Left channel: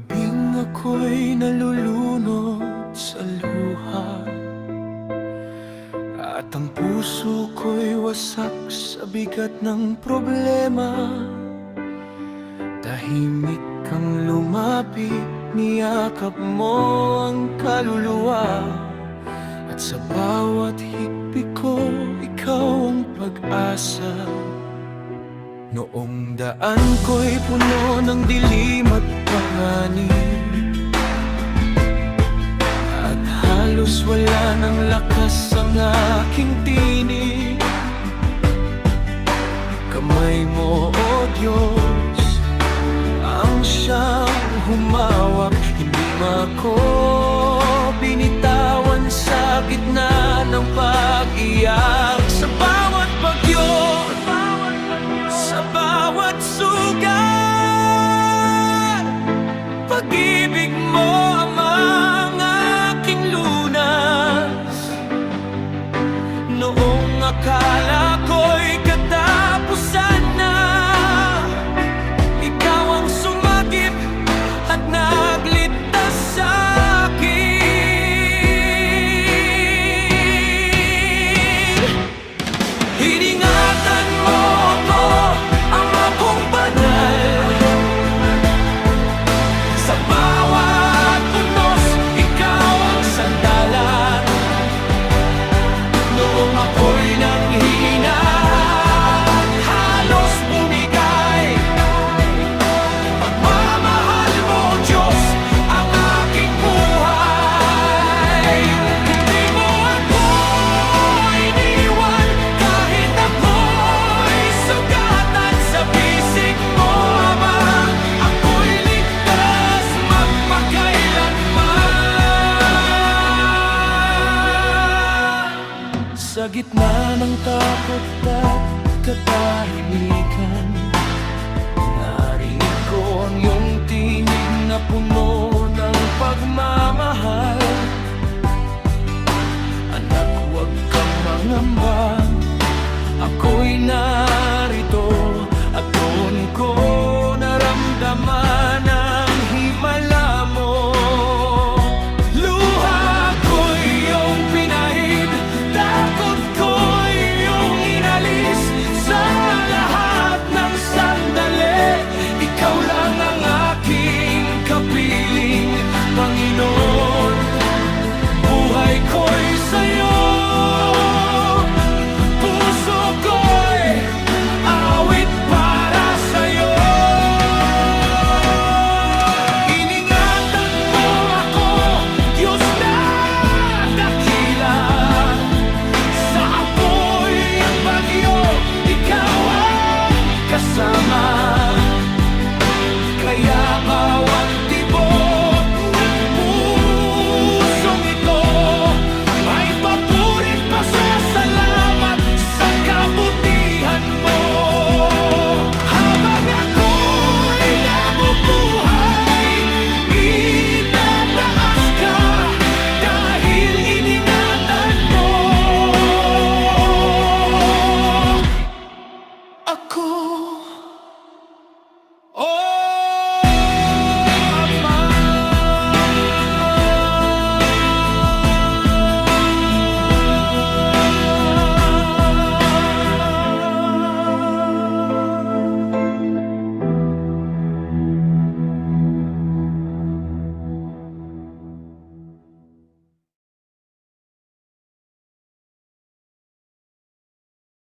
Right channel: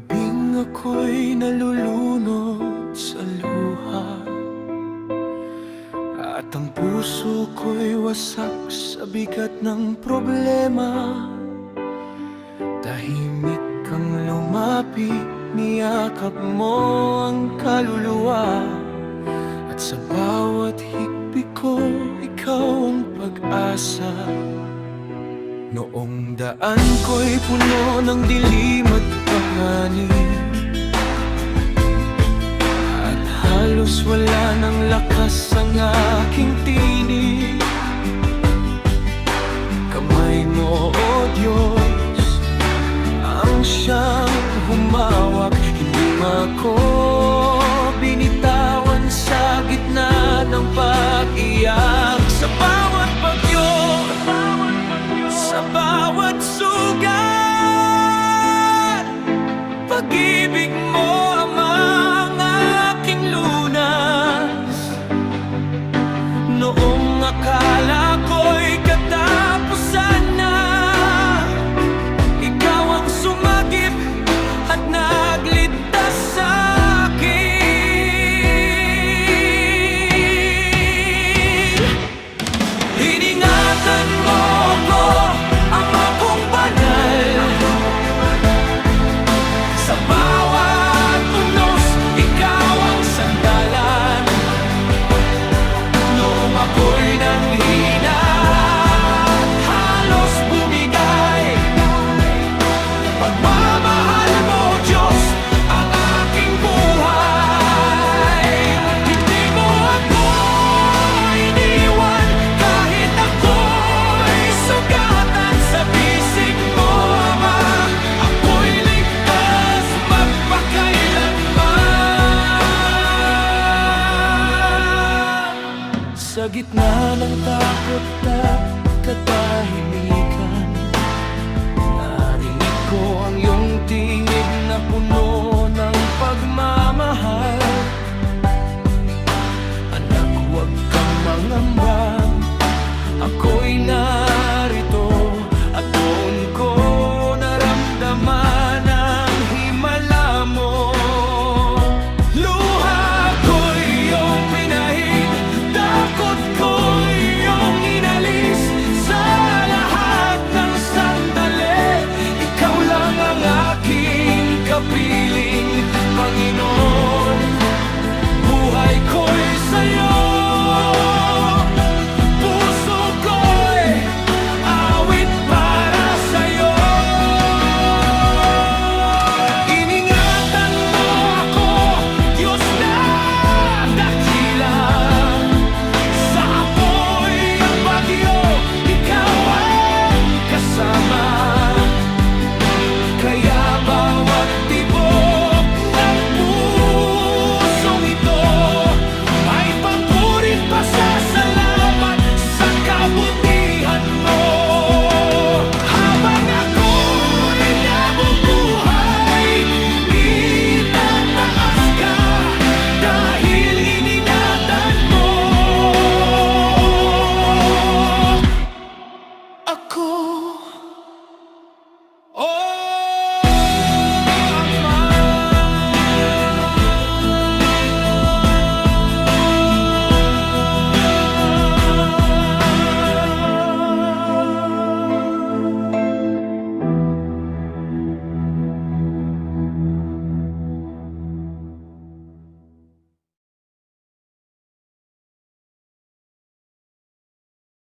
gabing ako'y nalulunod sa luha, at ang puso ko'y wasak sa bigat ng problema. Tahimik kang lumapit, niyakap mo ang kaluluwa, at sa bawat higpit ko, ikaw ang pag-asa. Noong daan ko'y puno ng dilim at panganib, at halos wala ng lakas ang aking tinig. Kamay mo, O Diyos, ang siyang humawak. Hindi mo ako binitawan sa gitna ng pag-iyak. Sa bawat bagyo, sa bawat sugat, pag-ibig mo ang aking lunas. Noong akala ko'y katapusan na, ikaw ang sumagip at nagligtas sa akin. Iningatan mo ako, Ama kong banal. Sa bawat unos, ikaw ang sandalan. Noong ako'y nanghina at halos bumigay, pagmamahal mo, Diyos, ang aking buhay. Hindi mo ako iniwan kahit ako'y sugatan. Sa bisig mo, Ama, ako'y ligtas magpakailanman. Sa gitna ng takot at katahimikan, narinig ko ang iyong tinig na puno ng pagmamahal. Anak, huwag kang mangamba, ako'y narito. At doon ko naramdaman ang himala mo. Luha ko'y iyong pinahid, takot ko'y iyong inalis. Sa lahat ng sandali, ikaw lang ang aking kapiling, Panginoon. Buhay ko'y sa'yo, puso ko'y awit para sa'yo. Iningatan mo ako, Diyos na dakila. Sa apoy at bagyo, ikaw ang kasama. Kaya bawat tibok ng pusong ito ay papurit pa sa salamat sa kabutihan mo. Habang ako'y nabubuhay, itataas ka dahil iningatan mo ako.